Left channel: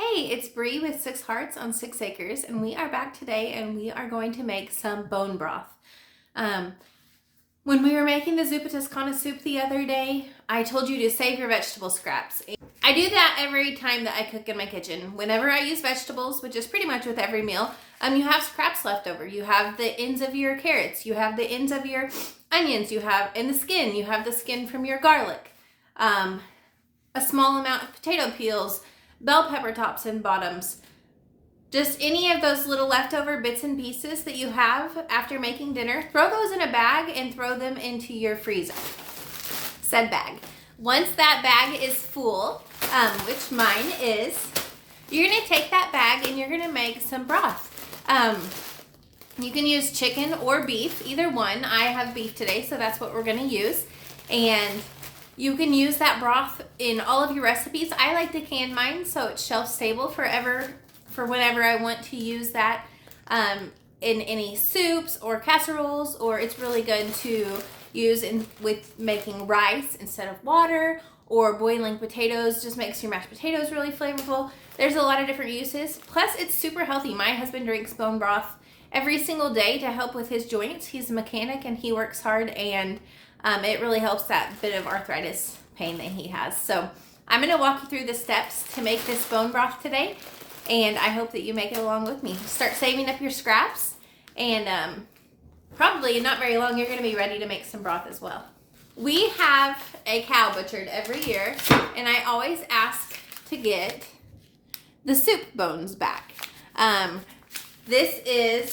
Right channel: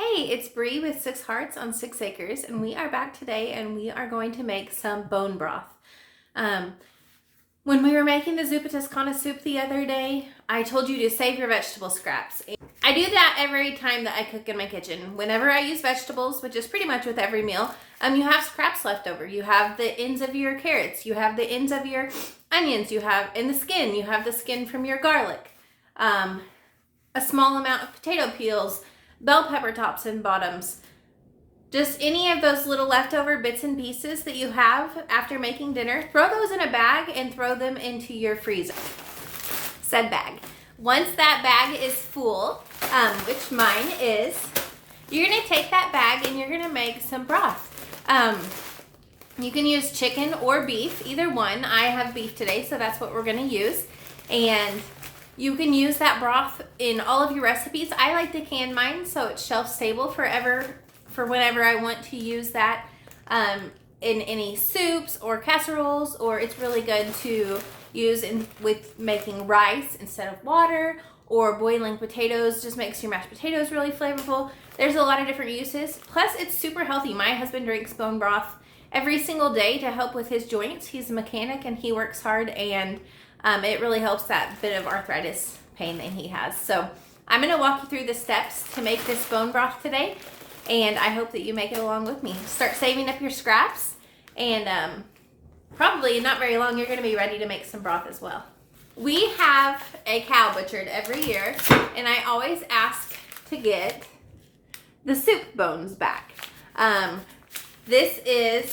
Hey, it's Bree with 6 Hearts on 6 Acres, and we are back today and we are going to make some bone broth. When we were making the zuppa toscana soup the other day, I told you to save your vegetable scraps. I do that every time that I cook in my kitchen. Whenever I use vegetables, which is pretty much with every meal, you have scraps left over. You have the ends of your carrots, you have the ends of your onions, you have in the skin, you have the skin from your garlic, a small amount of potato peels, bell pepper tops and bottoms, just any of those little leftover bits and pieces that you have after making dinner. Throw those in a bag and throw them into your freezer. Said bag. Once that bag is full, which mine is, you're going to take that bag and you're going to make some broth. You can use chicken or beef, either one. I have beef today, so that's what we're going to use. And you can use that broth in all of your recipes. I like to can mine so it's shelf stable for whenever I want to use that in any soups or casseroles, or it's really good to use with making rice instead of water, or boiling potatoes. Just makes your mashed potatoes really flavorful. There's a lot of different uses. Plus, it's super healthy. My husband drinks bone broth every single day to help with his joints. He's a mechanic and he works hard, and it really helps that bit of arthritis pain that he has. So I'm going to walk you through the steps to make this bone broth today, and I hope that you make it along with me. Start saving up your scraps, and probably not very long, you're going to be ready to make some broth as well. We have a cow butchered every year, and I always ask to get the soup bones back. This is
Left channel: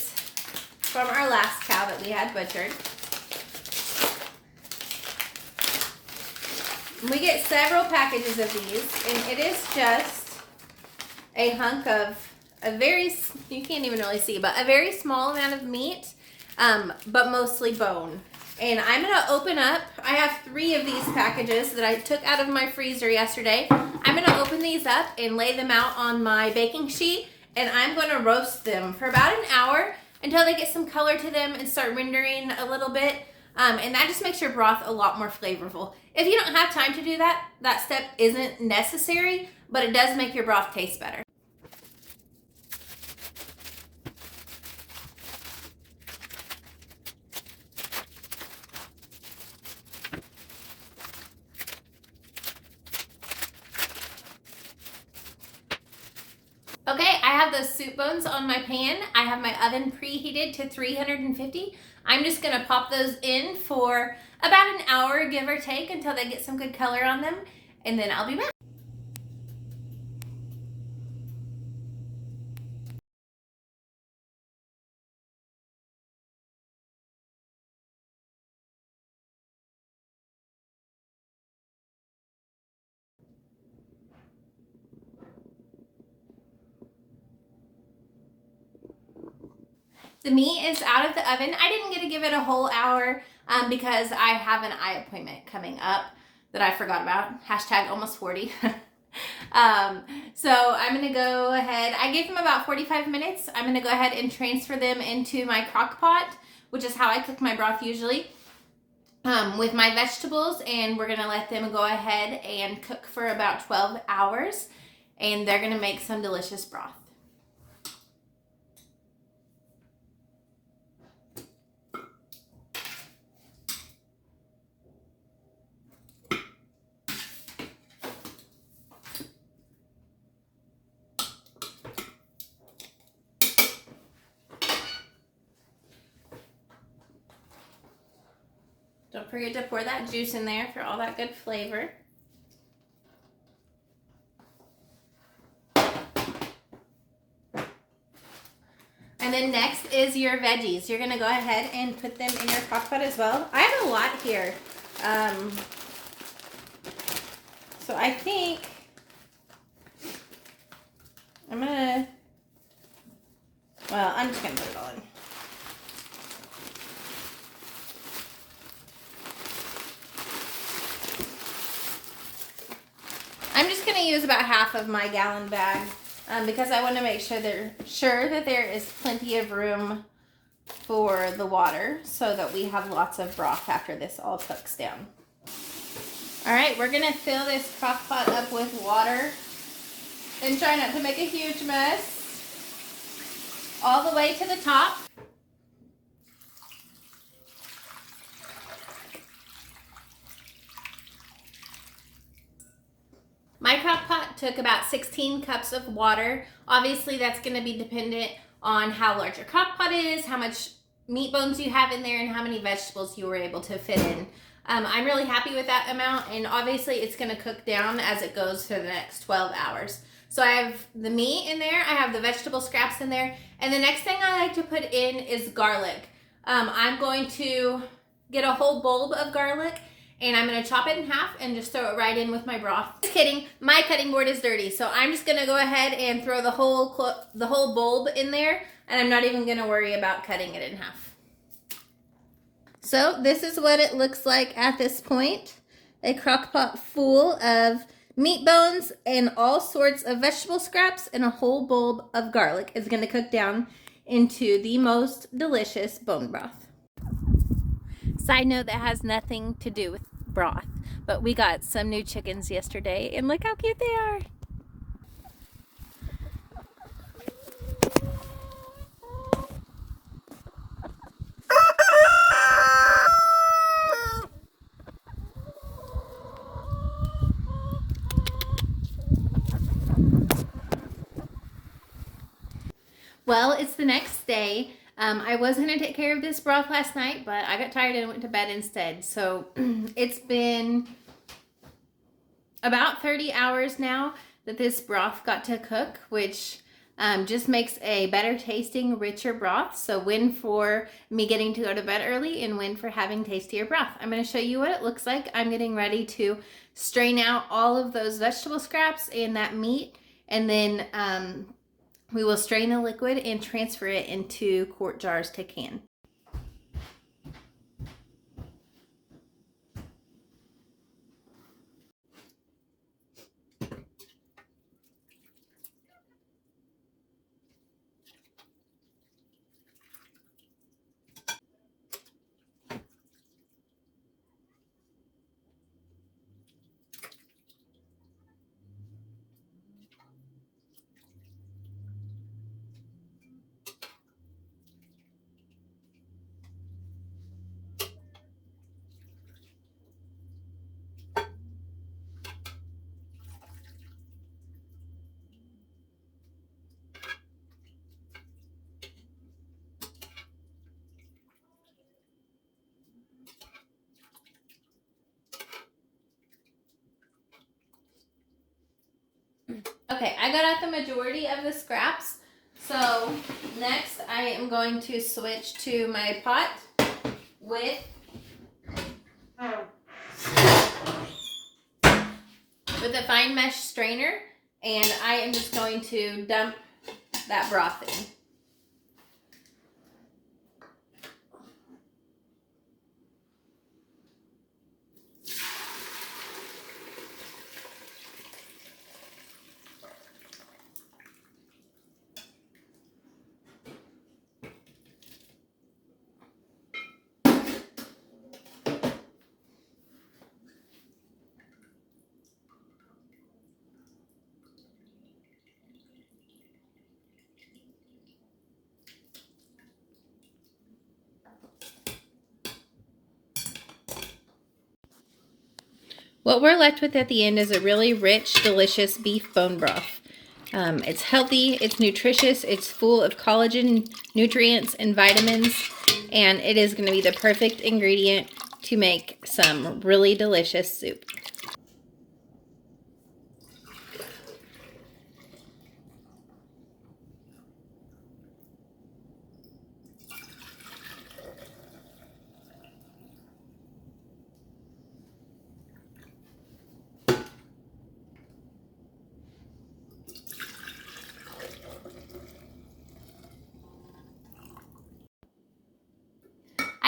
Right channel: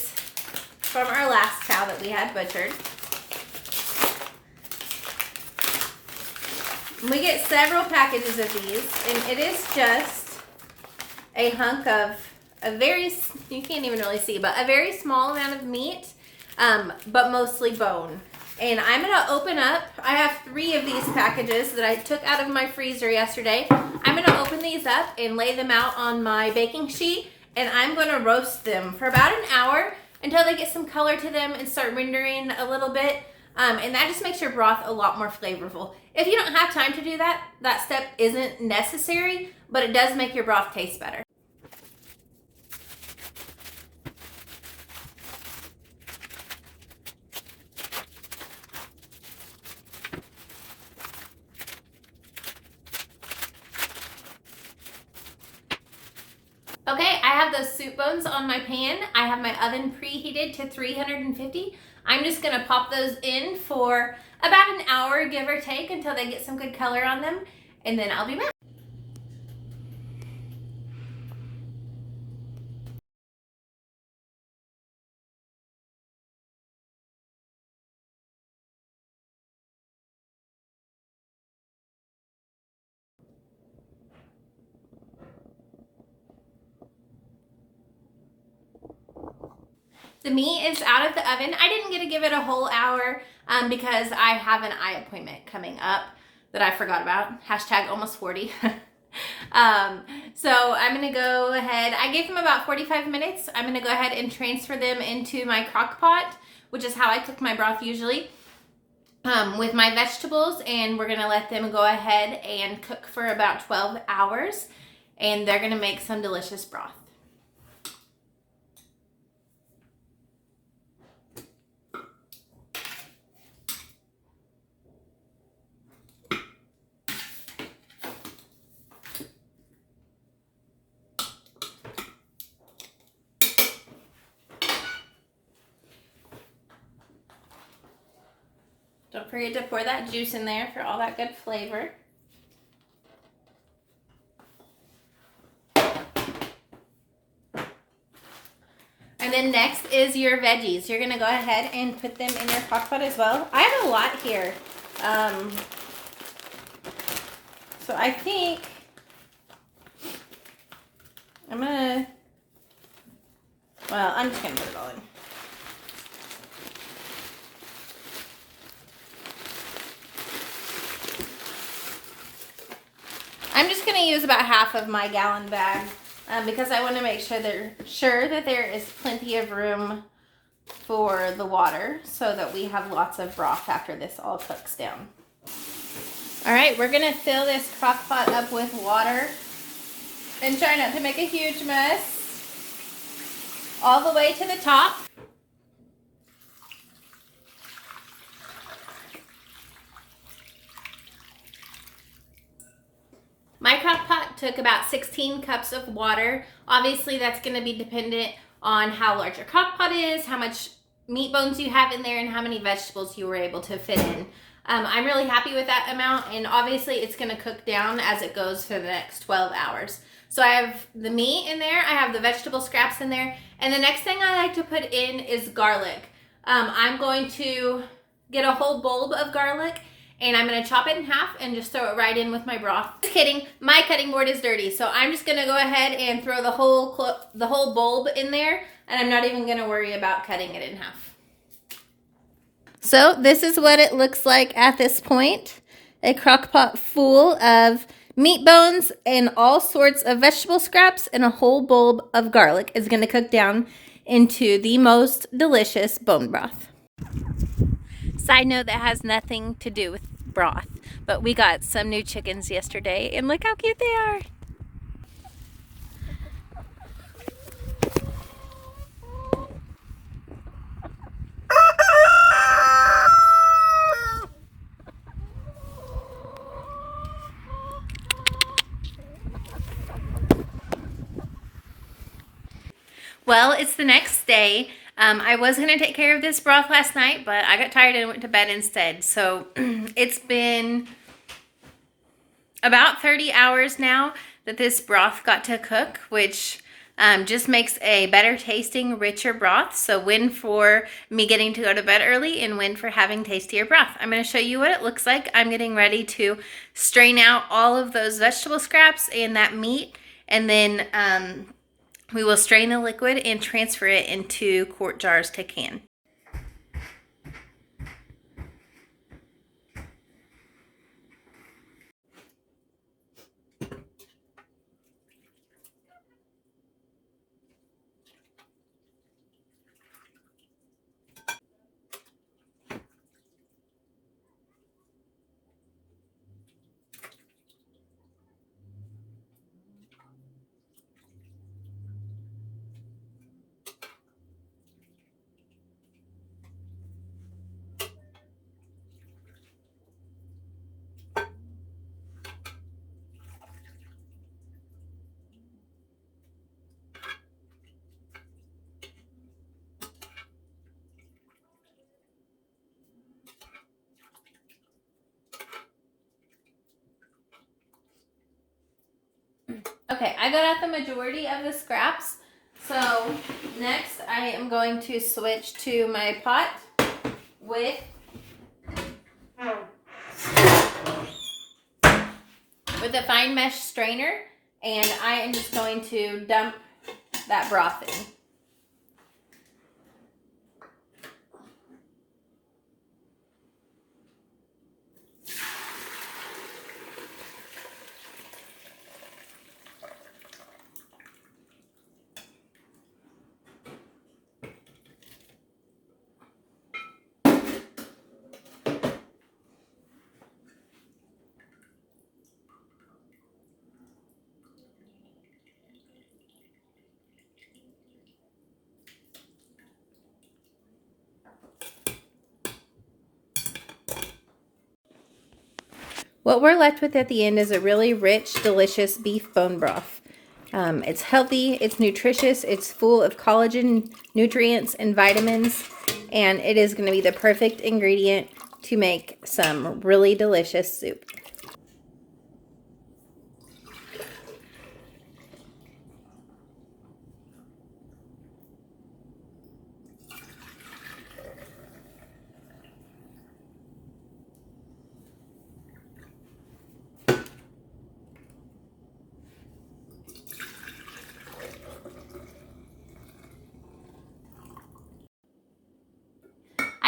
from our last cow that we had butchered. We get several packages of these, and it is just a hunk of you can't even really see, but a very small amount of meat, but mostly bone. And I'm going to open up, I have 3 of these packages that I took out of my freezer yesterday. I'm going to open these up and lay them out on my baking sheet, and I'm going to roast them for about an hour until they get some color to them and start rendering a little bit. And that just makes your broth a lot more flavorful. If you don't have time to do that, that step isn't necessary, but it does make your broth taste better. Okay, I have those soup bones on my pan. I have my oven preheated to 350. I'm just gonna pop those in for about an hour, give or take, until they get some good color on them, and then I'll be back. The meat is out of the oven. I didn't get to give it a whole hour because I have an eye appointment coming up that I forgot about. Hashtag almost 40. So I'm going to go ahead. I gave them about 45 minutes. I'm going to go ahead and transfer them into my crock pot, which is how I cook my broth usually, with my vegetables. And we're going to let them go ahead and cook for about 12 hours. And they're going to make some delicious broth. Don't forget to pour that juice in there for all that good flavor. And then next is your veggies. You're going to go ahead and put them in your crock pot as well. I have a lot here. So I think I'm just going to put it all in. I'm just going to use about half of my gallon bag because I want to make sure that there is plenty of room for the water so that we have lots of broth after this all cooks down. All right, we're going to fill this crock pot up with water And try not to make a huge mess. All the way to the top. My crock pot took about 16 cups of water. Obviously, that's going to be dependent on how large your crock pot is, how much meat bones you have in there, and how many vegetables you were able to fit in. I'm really happy with that amount, and obviously it's going to cook down as it goes for the next 12 hours. So I have the meat in there, I have the vegetable scraps in there, and the next thing I like to put in is garlic. I'm going to get a whole bulb of garlic, and I'm going to chop it in half and just throw it right in with my broth. Just kidding, my cutting board is dirty, so I'm just going to go ahead and throw the whole bulb in there, and I'm not even going to worry about cutting it in half. So this is what it looks like at this point. A crock pot full of meat bones and all sorts of vegetable scraps and a whole bulb of garlic is going to cook down into the most delicious bone broth. Side note, that has nothing to do with broth, but we got some new chickens yesterday and look how cute they are. Well, it's the next day. I was going to take care of this broth last night, but I got tired and went to bed instead. So it's been about 30 hours now that this broth got to cook, which just makes a better tasting, richer broth. So win for me getting to go to bed early and win for having tastier broth. I'm going to show you what it looks like. I'm getting ready to strain out all of those vegetable scraps and that meat, and then we will strain the liquid and transfer it into quart jars to can. Okay, I got out the majority of the scraps. So next I am going to switch to my pot with a fine mesh strainer, and I am just going to dump that broth in. What we're left with at the end is a really rich, delicious beef bone broth. It's healthy, it's nutritious, it's full of collagen, nutrients, and vitamins, and it is going to be the perfect ingredient to make some really delicious soup.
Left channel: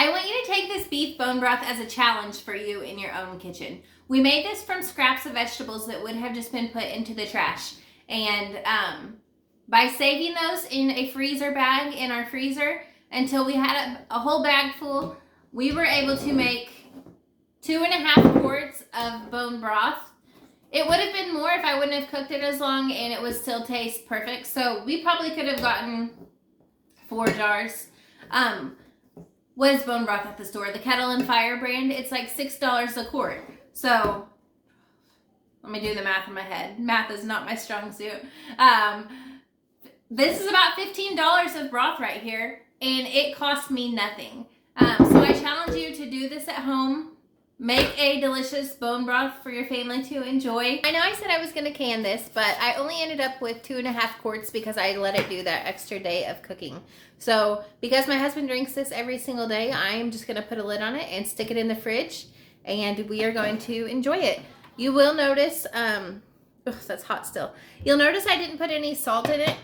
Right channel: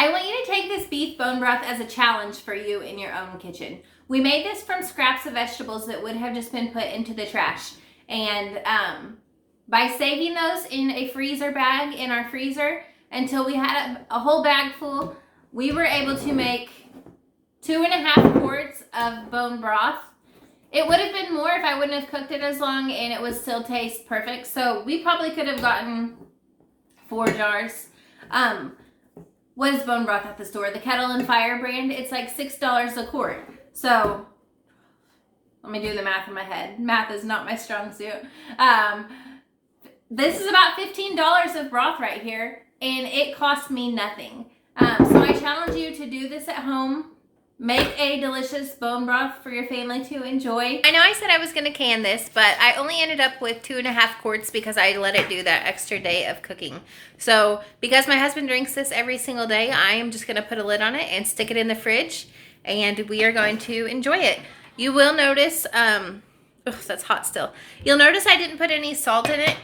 I want you to take this beef bone broth as a challenge for you in your own kitchen. We made this from scraps of vegetables that would have just been put into the trash. And by saving those in a freezer bag in our freezer until we had a whole bag full, we were able to make 2.5 quarts of bone broth. It would have been more if I wouldn't have cooked it as long and it would still taste perfect. So we probably could have gotten 4 jars. What is bone broth at the store? The Kettle and Fire brand. It's like $6 a quart. So let me do the math in my head. Math is not my strong suit. This is about $15 of broth right here, and it cost me nothing. So I challenge you to do this at home. Make a delicious bone broth for your family to enjoy. I know I said I was going to can this, but I only ended up with 2.5 quarts because I let it do that extra day of cooking. So because my husband drinks this every single day, I am just going to put a lid on it and stick it in the fridge, and we are going to enjoy it. You will notice, that's hot still. You'll notice I didn't put any salt in it.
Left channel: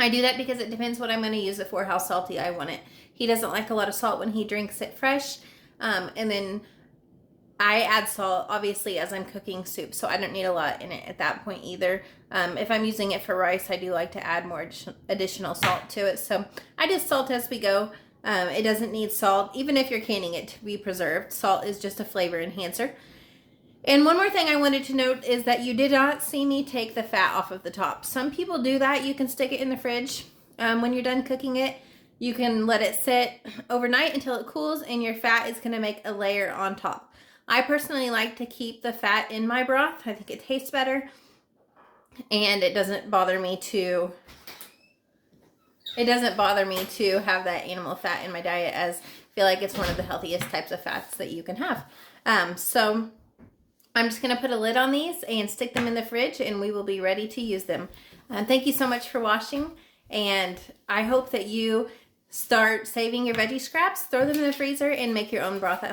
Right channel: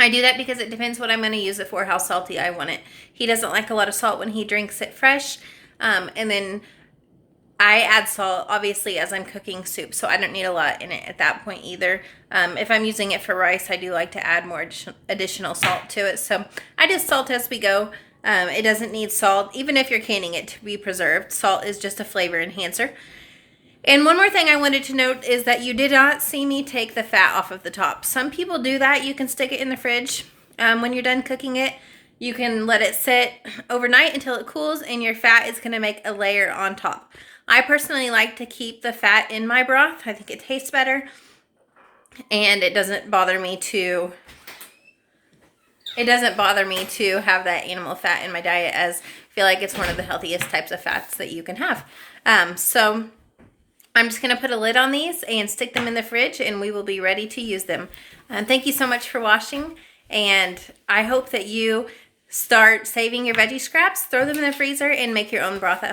I do that because it depends what I'm going to use it for, how salty I want it. He doesn't like a lot of salt when he drinks it fresh. And then I add salt, obviously, as I'm cooking soup, so I don't need a lot in it at that point either. If I'm using it for rice, I do like to add more additional salt to it. So I just salt as we go. It doesn't need salt, even if you're canning it to be preserved. Salt is just a flavor enhancer. And one more thing I wanted to note is that you did not see me take the fat off of the top. Some people do that. You can stick it in the fridge. When you're done cooking it, you can let it sit overnight until it cools, and your fat is going to make a layer on top. I personally like to keep the fat in my broth. I think it tastes better, and it doesn't bother me to have that animal fat in my diet, as I feel like it's one of the healthiest types of fats that you can have. So I'm just going to put a lid on these and stick them in the fridge, and we will be ready to use them. Thank you so much for watching, and I hope that you start saving your veggie scraps, throw them in the freezer, and make your own broth at home.